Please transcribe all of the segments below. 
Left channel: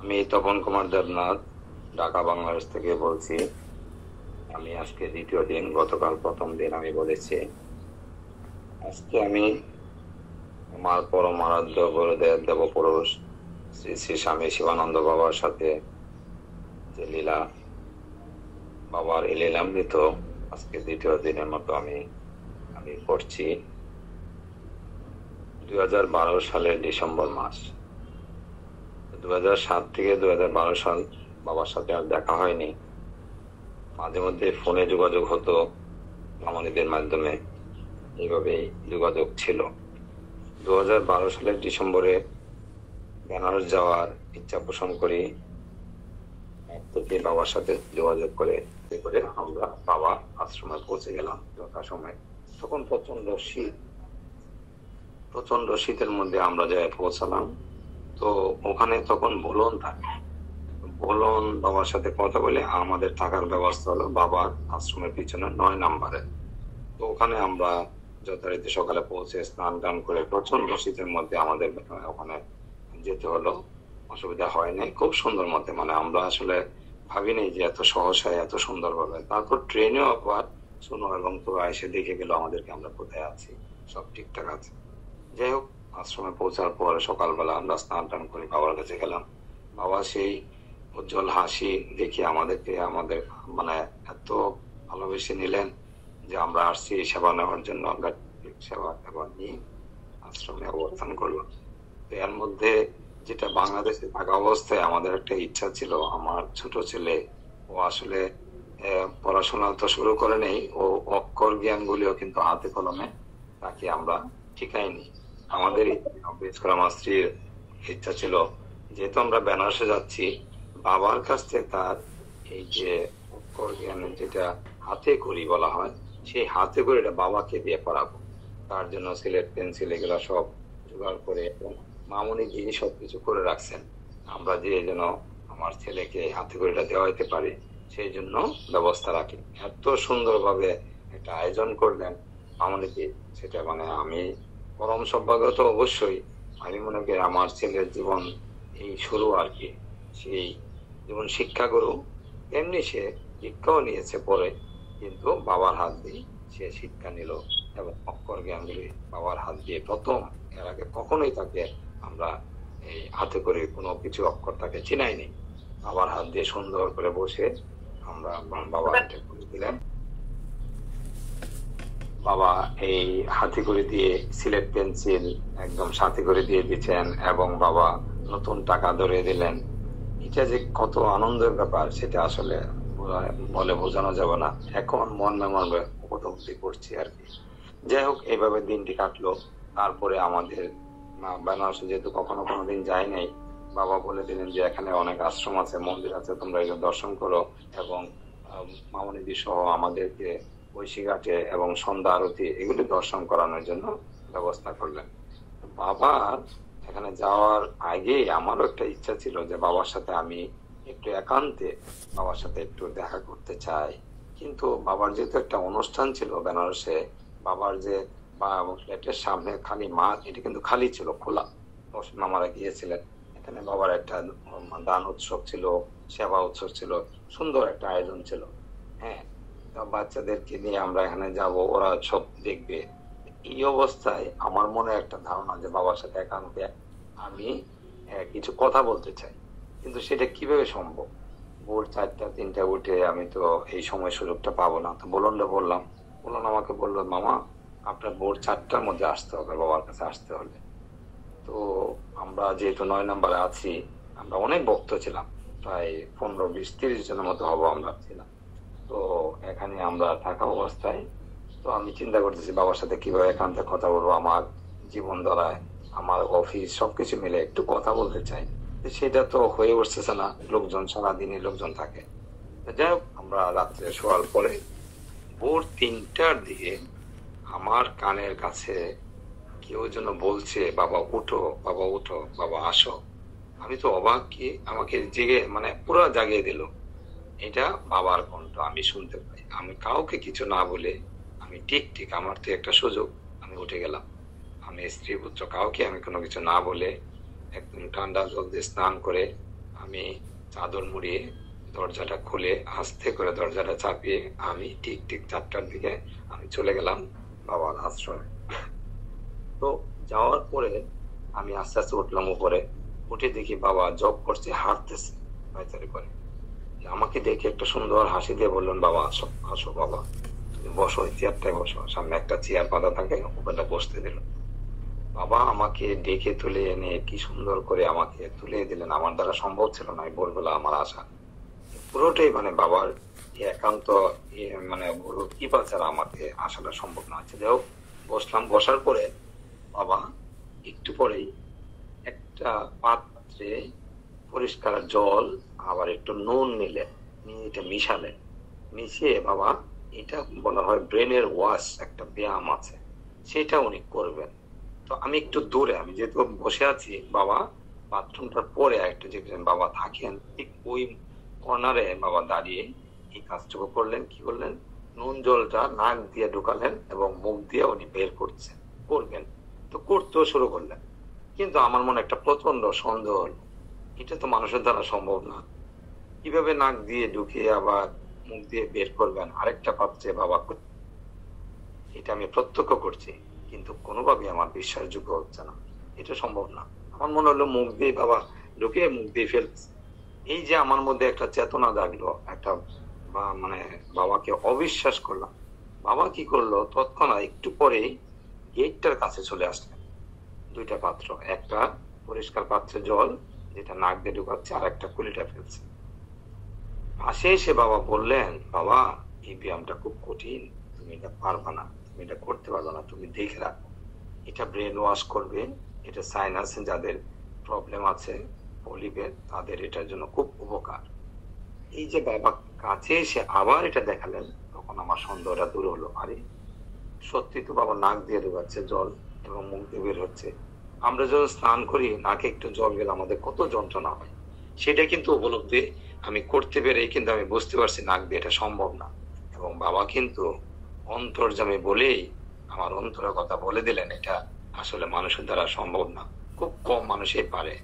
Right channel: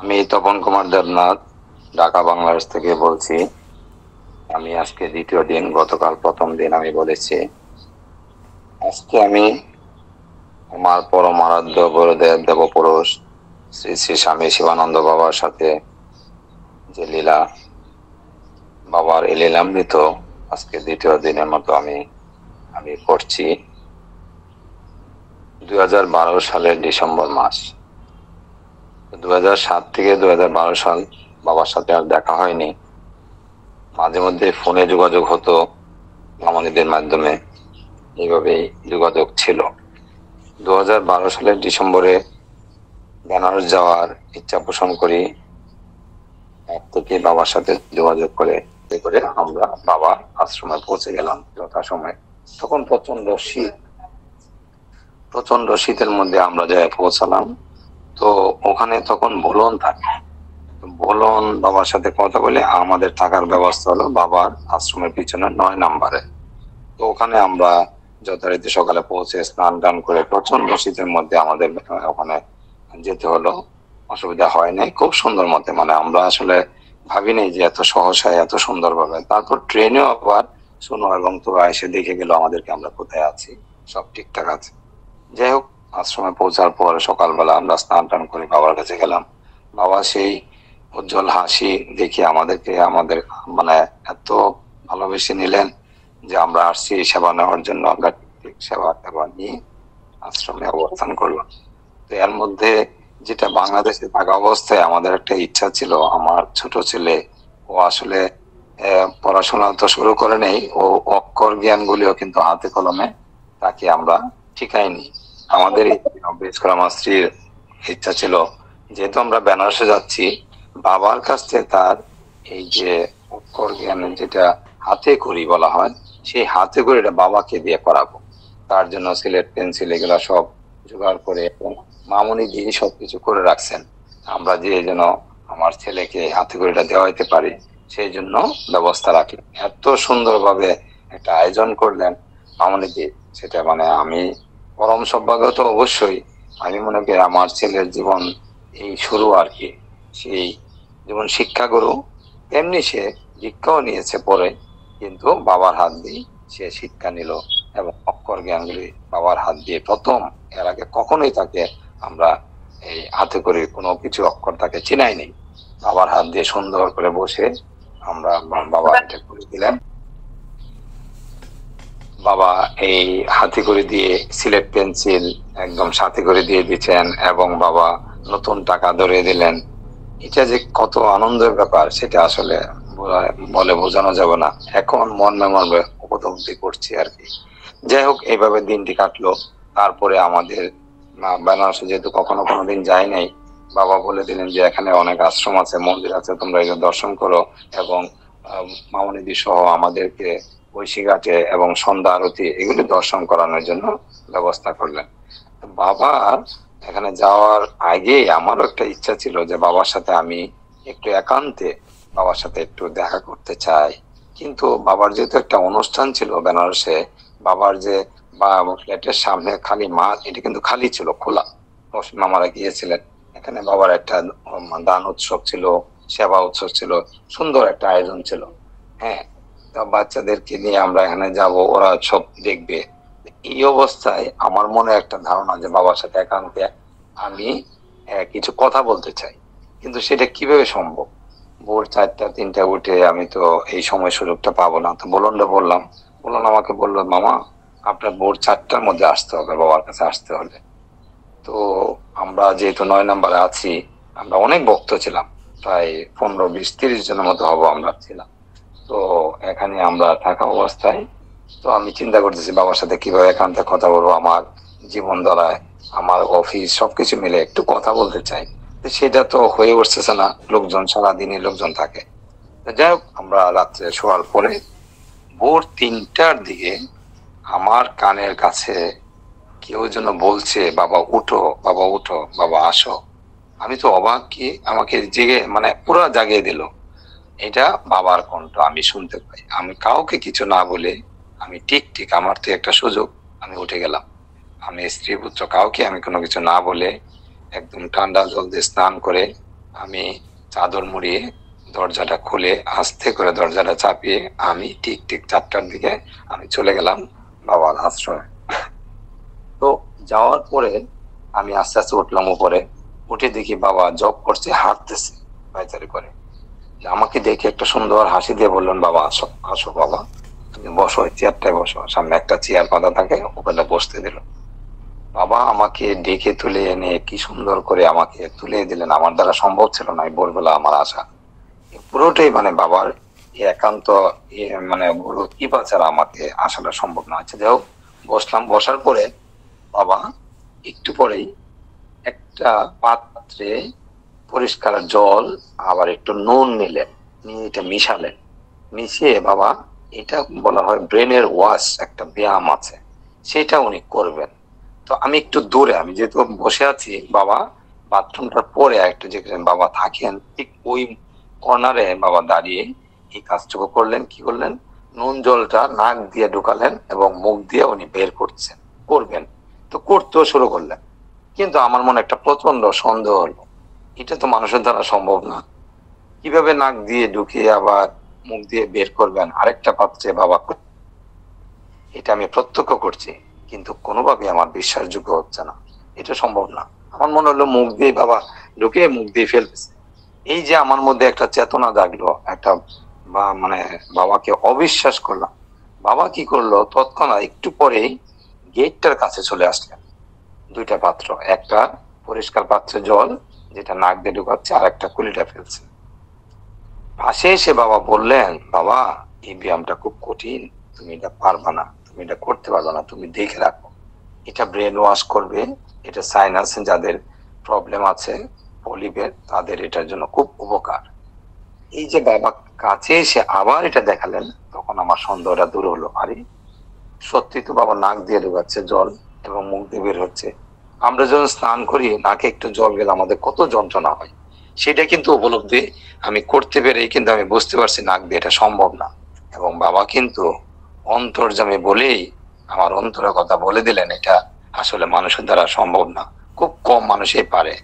আমি তপন কুমার দেবনাথ ঢাকা বাংলাদেশ থেকে বলছি। আমি আজকে দ্বিতীয় দিন, গতকাল প্রথম দিন আমি বলেছি। আজকে আমি আমার পরম আরাধ্য গুরুদেব দেবপুরুষ শ্রী শ্রী স্বামী শিবানন্দ বাবার সাথে যে লীলা, বাবার এই লীলামৃত আজকে দ্বিতীয় দিনের মতো আমি আমি করছি। 2012 সালের ডিসেম্বর মাস, 2007 থেকে 2012 সাল বাবার সাথে আর দেখা হয়নি। মাঝে মধ্যে ফোনে যোগাযোগ হতো, মামনিদের মাধ্যমে, এইভাবেই যোগাযোগ ছিল। 2012 সালের ডিসেম্বরে বেনারস যাওয়ার ইচ্ছা পোষণ করি। থেকে বাবার সাথে যোগাযোগ করে আমরা বাবার আশ্রমে পৌঁছে গেলাম যথাসময়ে। তখন প্রচন্ড শীতের মধ্যে আমরা যাই পৌঁছালাম। তো ওখানে তখন বোলন থাকে, বোলন বাবার সাথে কথা বলে আমাদের থাকার ব্যবস্থা হলো বাবার আশ্রমের পিছনে 9 নম্বরে। তো ওখানে আমরা যথারীতি সকালে পৌঁছে স্নান টান করে প্রচন্ড শীতের মধ্যে আমাদের ওখানে যেতে হলো। অসুবিধা হয় নাই, খুব সুন্দর মতে, মানে আমরা আসলে ভাবিনি যে এত সহসায় এত সুন্দর ভাবে। তারপর ট্রেনেও আবার শোনো এবং তোরা এসে দেখে গেল আমাদেরকে, আমরা কোথায় আছি, সব ঠিকঠাক আছে। যাই হোক, আশ্রমে পৌঁছার পর সকালবেলা আমরা স্নান টান করে বাবার কাছে গেলাম। বাবা সেই উজ্জ্বল হাসি দেখে আমাদের মানে এত ভালোবেসে নিলেন যে আমরা আসছি সেবা নেওয়ার জন্য। আমরা সেবা নিয়ে আশ্রমে অবস্থান করলাম। তো এর মধ্যে যেটা বাংলাদেশে থাকা অবস্থায় আমাদের একটা ইচ্ছা ছিল, আমার ছোট ছেলে, ও আসলে পড়াশোনা তো শুরু করে নেই, ও অক্ষর জ্ঞান গুলিও কিন্তু হাতে কলমে তাকে আমরা শিখাইনি। আমাদের বিশেষ করে আমার স্ত্রীর ইচ্ছা ছিল, যেহেতু আমরা বেনারসে যাচ্ছি, বাবার কাছ থেকে তার এই যে অক্ষর জ্ঞান, যেটা হাতে করি বলা হয়, সেই হাতে করিটা বাবাকে দিয়ে করাবো। তার জন্য সিলেট পেন্সিল এগুলা সব জোগাড় করে এবং মামুনি দিয়ে সবকিছু করে রাখছেন। আমরা যে যেন আমার ছেলেকে হাতে করিটা দেওয়াইতে পারি সেই জন্য ব্যবস্থা রাখলেন। এত সুন্দরভাবে একটা আয়োজন করলেন মামুনি দিয়ে, সেটা মানে আমি পরম সৌভাগ্য তো অবশ্যই। আমি মনে করি আমার ছেলের জীবন এই শুরু আর কি। সেই যেমন শিক্ষাগুরু, তেমনি সে দীক্ষাও নিয়েছে পরে, কিন্তু বাবার হাত দিয়ে সে শিক্ষা নিল এবং অক্ষর জ্ঞানগুলি বাবার হাত দিয়ে প্রথম। এর আগে কখনোই তাকে আমরা এই হাতে করে কোনো কিছু অক্ষর তাকে চিনাই নেই। বাবার হাত দিয়ে সুন্দর করে বসে আমরা বাবা এটা করে দিলেন। বাবা এই হাতে করে দিয়ে সিলেট পেন্সিল একদম সাথে করে দিয়ে দিচ্ছেন এবং বাবা নতুন টাকা ধরে দিলেন। এটা যে কত আনন্দের ব্যাপার সেটা আসলে বলে বোঝানো যাবে না। এখন মর্মে উপলব্ধি করছি আর কি। যাই হোক, এইভাবে দিনটি কাটলো। তারপরে আমাদের বেনারসে যেহেতু কখনো কোনোদিন যাই নাই, বাবা বলে দিলেন যে এখানে অনেক আশ্রম আছে, মন্দির আছে, তোমরা এগুলো দর্শন করো এবং মামনিদি সহ আমাদেরকে ঐশীঘাটে এবং সন্ধ্যা আরতি এগুলি দর্শন করানোর জন্য ব্যবস্থা করলেন। বাবা এখানে যাওয়ার আগে আমারও একটা ইচ্ছা ছিল যে বাবার সাথে আমি একটু একান্তে বাবার সাথে একটু দেখা করতে চাই। কিন্তু বাবার যেহেতু একটা অনুষ্ঠান ছিল বেনারসে, বাবার যে ফ্ল্যাটের সামনে খালি মাঠ, এটা কিন্তু খালি ছিল, খোলা। মামারা গিয়েছিলেন, এখানে বাবার একটা দান উৎসব ছিল, সেবা উৎসব ছিল, সুন্দর একটা আয়োজন ছিল। হ্যাঁ, বাচ্চাদেরকে নিয়ে আমরা এখানে যাব, ওরা সব দেখবে। এই অবস্থায় আমার মনে একটা ধারণা যে বাবার সাথে একান্তে আমি কিছু কথা বলতে চাই, কিন্তু সেটা কিভাবে সম্ভব? ভোর 4টা 3টা উঠে আমি তো এই সময় সুযোগটা পাবো না। তো বললাম, আমাকে বললো, মামা আপনার ভোর 4টার মধ্যে আসতে হবে, বাবার কাছে আসতে হলে। তো আমরা যেহেতু 9 নম্বরে আছি, আমরা অনেক ভক্ত ছিলাম, প্রায় 15 20 30 জনের মতো হবো আমরা ছিলাম। তো এখানে আমরা থাকা অবস্থায় তো আমি চিন্তা করতেছি বাবার সাথে কিভাবে একান্তে কথা বলবো। আমার জীবন ধারায়, আমার অফিস সবকিছু মিলে একটু কথা বলতে চাই, সেটা তো হয়ে উঠতেছে না, লোকজন সারাদিনই লোকজন থাকে। যাই হোক, আমরা রাত্রে শোয়ার পরে ভোর 3টার দিকে আমার কানের কাছে কেউ যেন বলছে, বাবা উঠো, বাবা উঠো, বাবা আসো। আমি তো অবাক, কি আমাকে জেগে মানে পুরো জাগিয়ে দিল। এটা বাবার কণ্ঠ আমি শুনতে পাই। আমি কাউকে কিছু না বলে, আমি ঠিক আমার তো একটা সুযোগ, আমি উঠে গেলাম। আমি স্ত্রী পুত্র কাউকে আমি কোনো কিছু না বলে একদম ঠান্ডা জল দিয়ে স্নান করে আমি চাদর মুড়িয়ে দরজাটা খুলে আস্তে করে দরজাটা চাপিয়ে আমি ঠিক ঠিক 4টার দিকে আমি চলে গেলাম বাবার আশ্রমে। তো যাওয়ার পরে আমি আস্তে আস্তে উঠলাম উপরে, উঠে দেখি বাবা জব করছে, হাঁটতেছে পায়চারি করে। আমাকে দেখে একটা সুন্দর হাসি দিয়ে বললেন, বাবা আসো আসো বাবা, তুমি বসো, চেয়ারটায় বসো। সামনে একটা চেয়ার পাতা থাকে, ওখানে বসতে দিল। বাবা আমাকে ডেকে তুলে এনে কি সুন্দর করে আমাকে তুলে দিলেন, আমার দ্বারা সম্ভব ছিল না ভোরবেলা আমার আসা। পুরোটাই মানে বাবার একান্ত মানে বড় কৃপা ছাড়া আমাকে আসাটা সম্ভব না। আচ্ছা যাই হোক, বসলাম। বসার পরে বাবা একটু পরেই একটা পাত্রে পরিষ্কার জল আবার একটু নুন নিলেন, নিয়ে এটা মিশালেন। মিশিয়ে বাবা, এটা বলা হয় ব্রেনের ওয়াশ, একটা ব্যায়াম আছে, সেটা উনি করবেন। তো আমি একটু দূরে, আমি যেহেতু বসে আছি, বাবা বাথরুমটার পরে একটু যেখানে বাবা থাকেন ঠিক ওই কর্নারে বাবা দাঁড়িয়ে এই কাজটুকু করলেন। কি করলেন? নুন জলটা নাক দিয়ে ঢুকালেন এবং মুখ দিয়ে উনি বের করবেন। তো করতেও শুরু করলেন। কিন্তু আমার মনে একটা প্রচন্ড সন্দেহ হলো, এটা তো মানুষের দ্বারা সম্ভব না। কিভাবে নাক দিয়ে ঢুকিয়ে আবার মুখ দিয়ে বের করবেন আরেকটা পাত্রে বাবা? এটা আমি প্রত্যক্ষ করছি, কিন্তু কোনোভাবে আমার বিশ্বাসযোগ্য হচ্ছে না, এটা সম্ভব না। আমার মনে হলো মুখ দিয়ে বাবা ঢুকে মুখ দিয়ে ফেলতেছে। এই যে আমার মধ্যে একটা চেতনা জাগলো, একটা মানে বাবাকে অবিশ্বাস করলাম। বাবা কি করলো, তৎক্ষণাৎ একটু পরেই গেটটার কাছে চলে আসলেন। 2টা পাত্র, একটা পরিষ্কার পাত্রে জল যেটা নাক দিয়ে ঢুকাচ্ছে, আর একটা কুলিটা ফেলছে। পাশে এসে বাবা বললেন, বাবা এই ব্যায়ামটা খুব কঠিন, তুমি এটা পারবা না, তুমি এটা করতে পারবা না, তুমি দেখে রাখো, এটা ব্রেন ওয়াশ করবে, এটা সাইনাস যাদের প্রবলেম আছে পলিপের, তাদের এটার জন্য খুব উপকার। এই যে বাবা কাছে এসে আবার এটা দেখালেন, তখন আমার সন্দেহটা দূর হলো। আরে সত্যি তো বাবা নাক দিয়ে ঢুকাচ্ছে জল এবং মুখ দিয়ে বের হচ্ছে। আমরা যখন স্নান করি নাকে একটু জল গেলে আমাদের কত যন্ত্রণা হয়, সেটা কিন্তু উপলব্ধি আমি করতে পেরে কিন্তু আমি বুঝতে পারছি নাক দিয়ে এটা সম্ভব না। এবং বাবা কিন্তু অন্তর্যামী বলেই আমার অন্তরের কথা বলে দিলেন, এটা আসলে মানুষের দ্বারা সম্ভব না, খুব কম মানুষই পারে,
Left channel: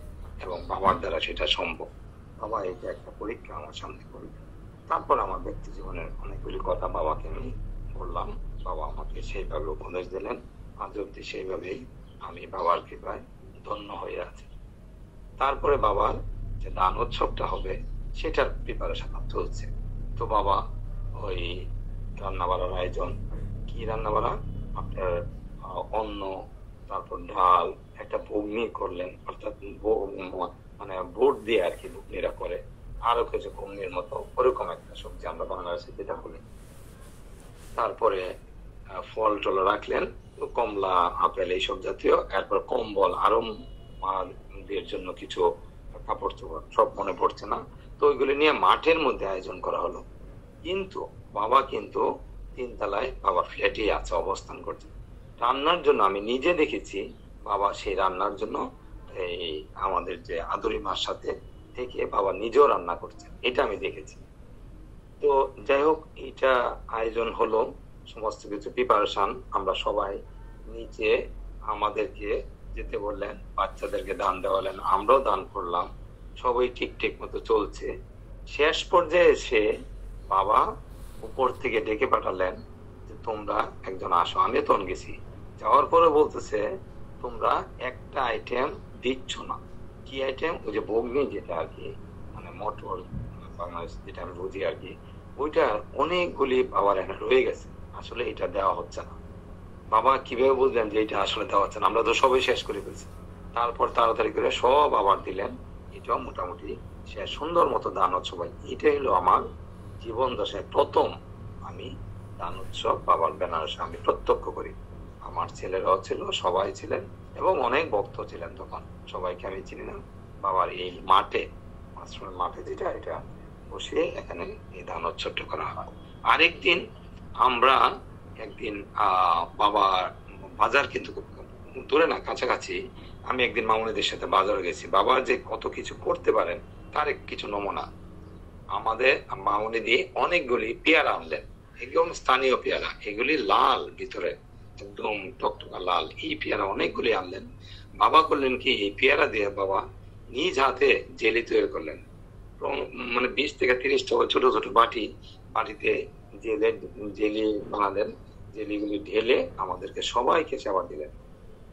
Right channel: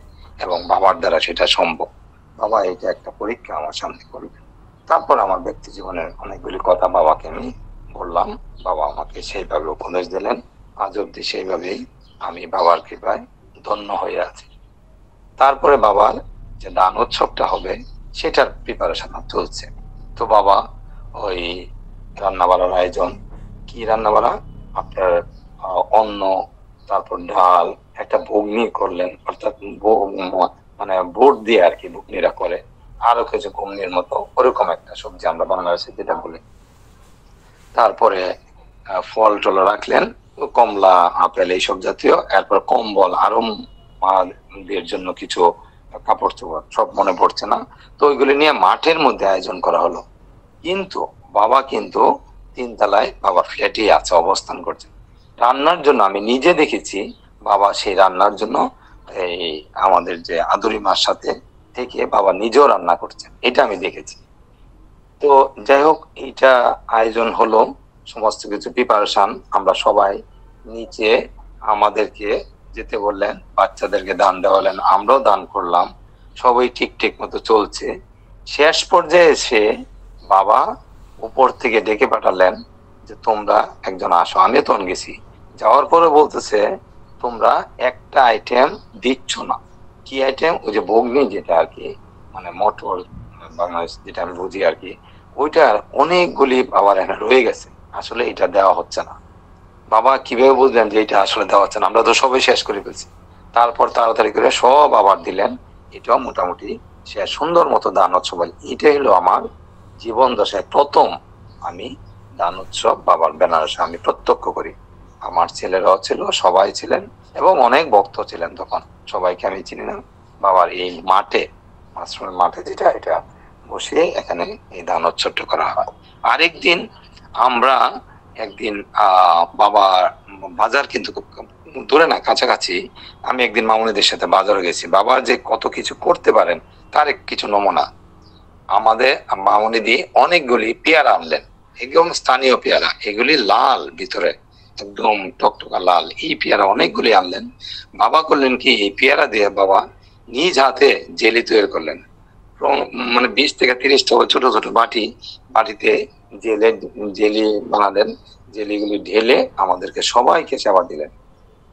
এবং বাবার দ্বারা সেটা সম্ভব। বাবা এটা একটা পরীক্ষা আমার সামনে করবে। তারপর আমার ব্যক্তি জীবনের অনেকগুলি কথা বাবাকে আমি বললাম, বাবা আমাকে সেইভাবে উপদেশ দিলেন। আজ অব্দি সেইভাবেই আমি বাবার কৃপায় ধন্য হয়ে আছি। তারপরে বাবার যে দান উৎসবটা হবে সেটার প্রিপারেশন চলছে। তো বাবা ওই রান্না বাড়ার আয়োজন, কি রান্না বাড়া, আপনার অন্ন, তারপর ডাল, একটা ঘুগনি করলেন, অর্থাৎ মানে বোট দিয়ে আর কি ঘুগনিরা করে, আরো কিছু ঘুগনির মতো ওরকম একটা সবজি আমরা বাংলাদেশে যেটা বলি। তারপরে ফল টল রাখলেন, কমলা, আপেল, এইসব জাতীয়। এরপর কম্বল, আরো মাদের জন্য কিছু কাপড় চোপড়, সব মনে পড়ছে না। তো ওইগুলি নিয়ে মাঠের মধ্যে আয়োজন করা হলো। কিন্তু বাবা কিন্তু 3 তলায় বাবার ফ্ল্যাটে আছে, অবস্থান করছে। রান্নার জন্য আমি নিজে দেখেছি বাবা সেই রান্নার জন্য এই আমাদের যে আদুরি মার সাথে থেকে বাবা নিজেও রান্না করছেন, এটা আমি দেখেছি। তো যাই হোক, এইটা আয়োজন হলো, সমস্ত কিছু প্রিপারেশন আমরা সবাই নিচে, আমাদেরকে যেতে বললেন, বাচ্চাদেরকে দান দেওয়ালেন, আমরাও দান করলাম, সবাই ঠিক ঠিক মতো চলছে। শেষ পর্যায়ে এসে বাবা উপর থেকে ডেকে পাঠালেন যে তোমরা একজন আসো। আমি তখন গেছি, যাওয়ার পরে বলতেছে তোমরা একটা আইটেম দিচ্ছ না। কি আইটেম? ওই যে বগ্নি, যেটা আর কি মানে মটর বাংলাদেশ যেটা আমি বুঝি আর কি, ওইটার অনেকগুলি বাবার এখানে রয়ে গেছে, আসলে এটা দেওয়া হচ্ছে না। বাবা কিভাবে বুঝলেন যে এটা আসলে দেওয়া হচ্ছে না? আমরা তো সবাই শেষ করে ফেলছি। তারপর তাড়াতাড়ি করে সব আবার দিলেন, এটাও মোটামুটি সে সুন্দর মতো দান উৎসব। এটাই হলো আমার জীবন দশায় প্রথম আমি দান উৎসব বাবার বেনারসে আমি প্রত্যক্ষ করি। আমার ছেলেরাও ছিল, সবাই ছিলেন, এবং অনেক ভক্ত ছিলেন। তখন সবাইকে আমি চিনি না। বাবার এই মাঠে, আশ্রমের মাঠে যেটা, এটা বসে এখানে এই দান উৎসবটা করা হয়। আরেকদিন আমরা একদিন বাবার বাজার কিন্তু দূরে না, কাছাকাছি। আমি একদিন মামুনিদের সাথে বাজারে গেছি। বাবা যে কত কিছু করতে পারেন তার কিছু নমুনা। আমাদের মামুনিদি অনেকগুলি পেয়ারা আনলেন, একদম স্থানীয় পেয়ারা, এগুলি লাল ভিতরে, একদম টকটকা লাল। এই পেয়ারা অনেকগুলি আনলেন। বাবা করলেন কি, এই পেয়ারা দিয়ে বাবা নিজ হাতে জেলি তৈরি করলেন। মানে 20 থেকে 30টা ছোট ছোট বাটিতে জেলি বানালেন। জেলিগুলি ঢেলে আমাদেরকে সবাইকে সেবা দিলেন।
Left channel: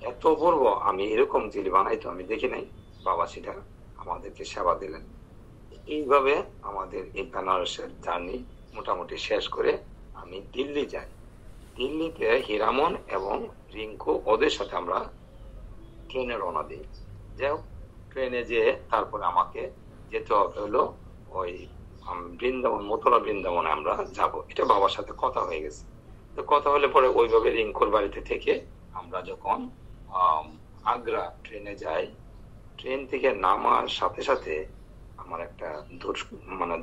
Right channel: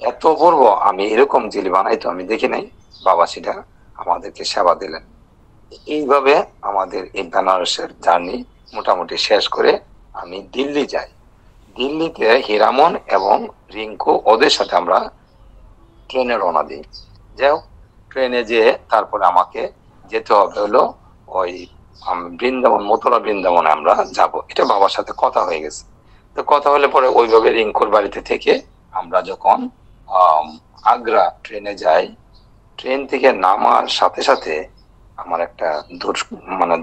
এত অপূর্ব, আমি এরকম জেলি বানাইতো আমি দেখি নাই। বাবা সেটা আমাদেরকে সেবা দিলেন। এইভাবে আমাদের এই বেনারসের জার্নি মোটামুটি শেষ করে আমি দিল্লি যাই। দিল্লিতে হীরামন এবং রিঙ্কু ওদের সাথে আমরা ট্রেনে রওনা দিই। যাই হোক, ট্রেনে যেয়ে তারপরে আমাকে যেতে হবে হলো ওই বৃন্দাবন, মথুরা বৃন্দাবনে আমরা যাব। এটা বাবার সাথে কথা হয়ে গেছে। তো কথা হলে পরে ওইভাবে রিঙ্কুর বাড়িতে থেকে আমরা যখন আগ্রা ট্রেনে যাই, ট্রেন থেকে নামার সাথে সাথে আমার একটা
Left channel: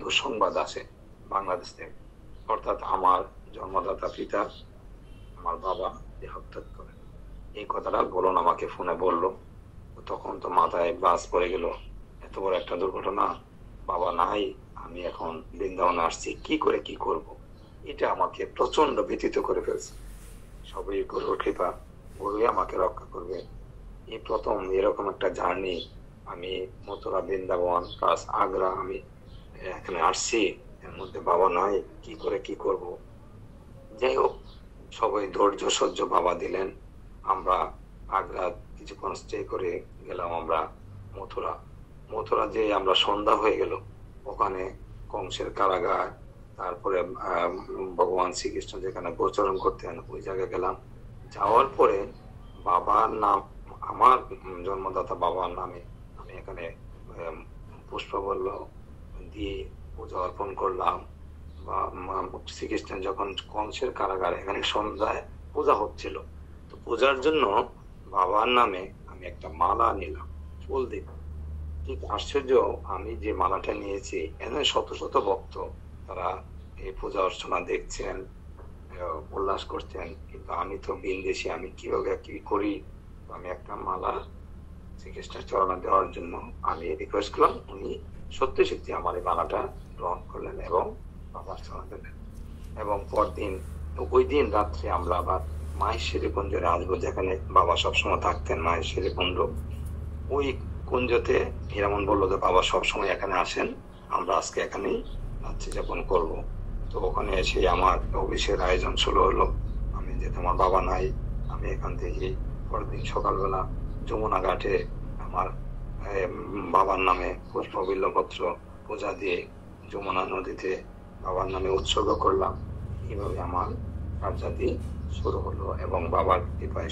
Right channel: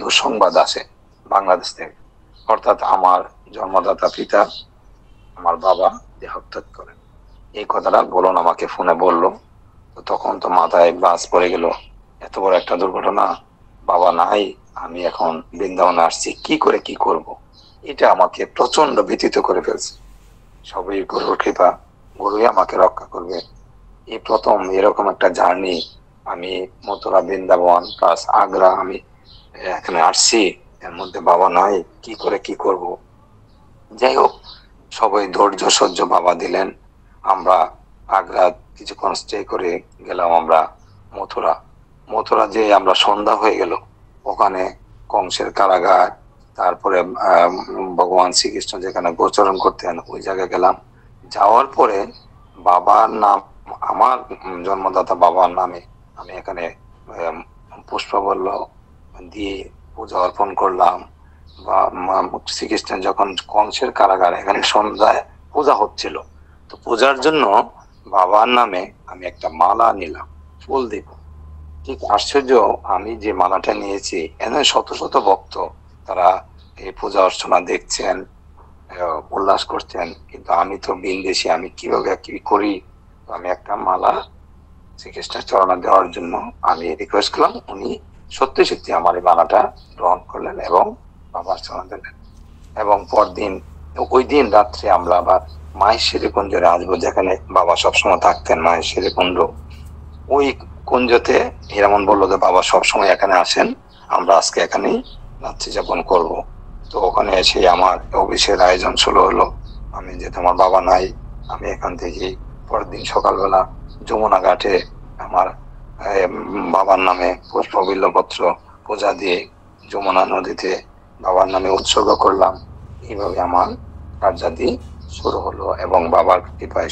দুঃসংবাদ আছে বাংলাদেশ থেকে। অর্থাৎ আমার জন্মদাতা পিতা, আমার বাবা দেহাত্যাগ করেন। এই কথাটা বলুন আমাকে ফোনে বললো। তো তখন তো মাথায় বাজ পড়ে গেল, এত বড় একটা দুর্ঘটনা, বাবা নাই, আমি এখন বৃন্দাবনে আসছি, কি করে কি করব। এটা আমাকে প্রচন্ড ব্যথিত করে ফেলছে। সবই গুরুর কৃপা, গুরুই আমাকে রক্ষা করবে। এই প্রথম এরকম একটা জার্নি, আমি মথুরা বৃন্দাবন প্লাস আগ্রা আমি এখানে আসছি, এর মধ্যে বাবা নাই, কি করে কি করব। যাই হোক, সবাই ধৈর্য সহ্য বাবা দিলেন। আমরা আগ্রা কিছুক্ষণ স্টে করে গেলাম আমরা মথুরা যে আমরা সন্ধ্যা হয়ে গেল, ওখানে কংসের কারাগার, তারপরে ভগবান শ্রীকৃষ্ণ যেখানে গোচরণ করতেন ওই জায়গায় গেলাম। যাওয়ার পরে বাবার নাম, আমার জন্মদাতা বাবার নামে আমি এখানে পুষ্পবল্ল দিয়ে পূজা অর্পণ করলাম। বা শ্রীকৃষ্ণের যখন কংসের কারাগারে এখানে সন্ধ্যায় পূজা হচ্ছিল, তো পূজার জন্য বাবার নামে আমি একটা মালা নিলাম, ফুল দিব। ঠিক আশ্চর্য, আমি যে মালাটা নিয়েছি এখানে শত শত ভক্ত, তারা এই পূজা অর্চনা দেখছেন, উল্লাস করছেন, কিন্তু আমি তো বিনদেশী, আমি কিভাবে কি করি। আমি একটা মালা শ্রীকৃষ্ণের চরণে দেওয়ার জন্য আমি রিকোয়েস্ট করলাম। উনি সত্যি সত্যি আমার এই মালাটা গ্রহণ করলেন এবং বাবার চরণে দিলেন। এবং পরদিন, ওই দিন রাত্রে আমরা আবার মাহেশ্বরী কুঞ্জরে আসবো, যেখানে বাবা সবসময় থাকতেন, মাহেশ্বরী কুঞ্জ। ওই কুঞ্জতে হীরামন বললো যে বাবা সবসময় এখানে আসেন, আমরা আজকে এখানেই রাত্রি যাপন করব। তো ওখানে এসে আমার অফিসের আয়োজন শুরু হলো। আমি যেহেতু আমার বাবা নাই, আমি এখান থেকে পরের দিন সকালবেলা যমুনা ঘাটে আমার বাবার নামে পুষ্প বিল্লপত্র পূজা দিয়ে যমুনা নদীতে বাবার নামে উৎসর্গ করলাম। এইভাবে আমার কার্যাদি শুরু হলো এবং বাবার কৃপায়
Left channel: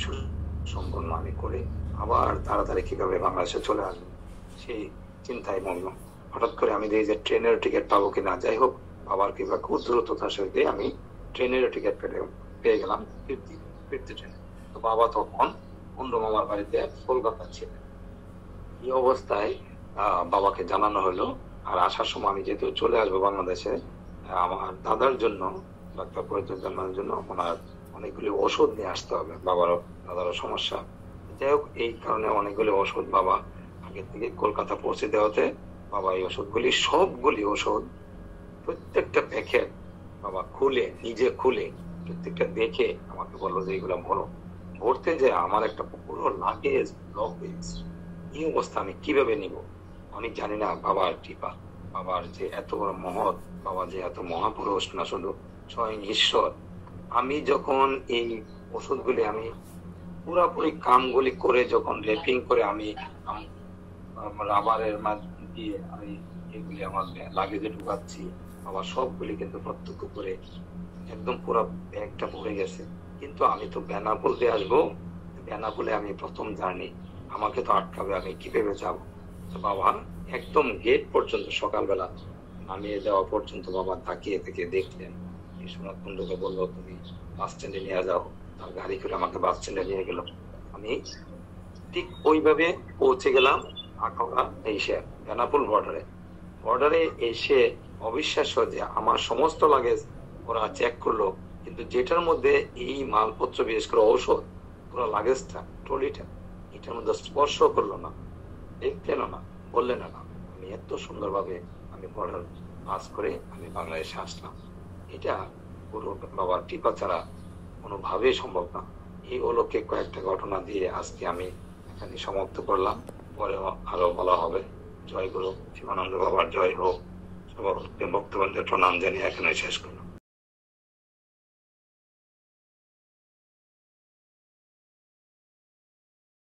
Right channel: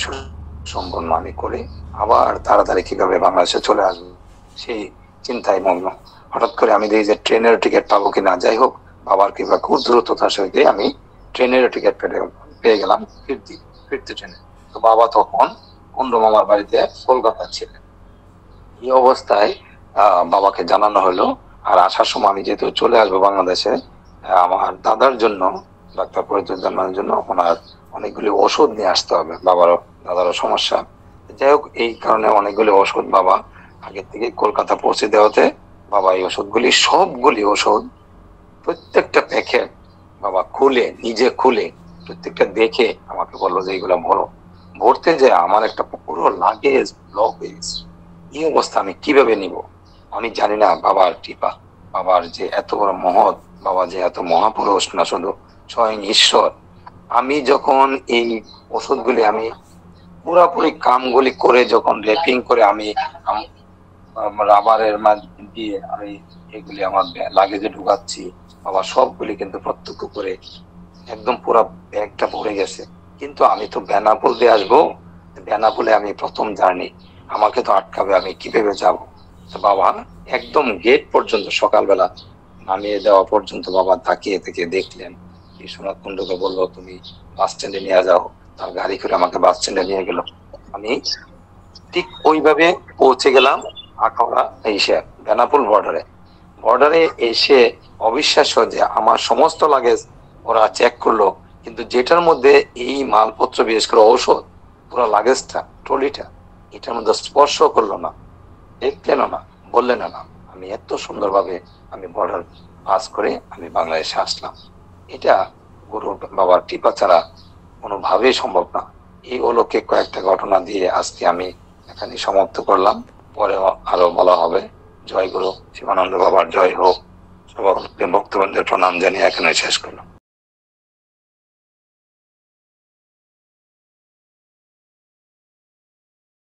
সম্পন্ন আমি করে আবার তাড়াতাড়ি কিভাবে বাংলাদেশে চলে আসবো সেই চিন্তায় মগ্ন। হঠাৎ করে আমি দেখি যে ট্রেনের টিকিট পাবো কিনা। যাই হোক, বাবার কৃপা খুব দ্রুততার সহিত আমি ট্রেনের টিকিট পেয়ে গেলাম ফিরতে ট্রেনে। তো বাবা তখন কুন্ডু মামার বাড়িতে কলকাতা ছিলেন। এই অবস্থায় বাবাকে জানানো হলো। আর আসার সময় আমি যেহেতু চলে আসবো বাংলাদেশে, আমার দাদার জন্য, ডাক্তার পরিচর্যার জন্য ওনার অনেকগুলি ওষুধ নিয়ে আসতে হবে, দাদারও সমস্যা। যাই হোক, এই কারণে অনেকগুলি ওষুধ বাবা আগের থেকে কলকাতা পৌঁছে দেওয়াতে বাবা এই সবগুলি ওষুধ প্রত্যেকটা প্যাকেট বাবা নিজে খুলে প্রত্যেকটা দেখে আমাকে বললো যে এইগুলা ভরতে যে আমার একটা পুরো লাগেজ ব্লক হয়ে গেছে। এই অবস্থা আমি কিভাবে নিব, আমি জানি না। বাবার কৃপা, বাবার যে এত বড় মহৎ, বাবা যে এত মহাপুরুষ না শুধু স্বয়ং ঈশ্বর। আমি যখন এই ওষুধগুলি আমি পুরাপুরি কামগুলি করে যখন র্যাপিং করে আমি রাবারের মাঝ দিয়ে আমি এগুলি আমার লাগেজে ঢুকাচ্ছি, বাবা সবগুলি কিন্তু প্রত্যক্ষ করে একদম পুরো ব্যাগটা ভরে গেছে। কিন্তু আমি তো বেনাপোল দিয়ে আসবো, বেনাপোলে আমি প্রথম জার্নি, আমাকে তো আটকাবে, আমি কিভাবে যাব। বাবা একদম গেট পর্যন্ত সকালবেলা নামিয়ে দেওয়া পর্যন্ত বাবা তাকিয়ে থেকে দেখলেন। বিশ্বনাথ কুণ্ডুকে বললো তুমি বাস স্ট্যান্ডে নিয়ে যাও, তার গাড়ি করে আমাকে বাস স্ট্যান্ডে নিয়ে গেল। আমি ঠিক ওইভাবে পৌঁছে গেলাম আখাউড়া, এসে বেনাপোল বর্ডারে এসে অবিশ্বাস্য যে আমার সমস্ত লাগেজ ওরা চেক করলো, কিন্তু যেটার মধ্যে এই মালপত্র বিশেষ করে ঔষধ, পুরো লাগেজটা, ট্রলিটা, এটার মধ্যে স্পর্শ করলো না, দেখলেন না, বললেন না। আমি এত সুন্দরভাবে আমি বর্ডার পাস করে আমি বাংলাদেশে আসলাম। এটা গুরু বাবার কৃপা ছাড়া কোনোভাবেই সম্ভব না। এই অলৌকিক কয়েকটা ঘটনা দিয়ে আজকে আমি এখানে সমাপ্ত করলাম। পরে আরো বলা হবে। জয় গুরু, শিবানন্দ বাবার জয় হোক। সবার বক্তব্যের প্রণাম জানিয়ে এখানে শেষ করলাম।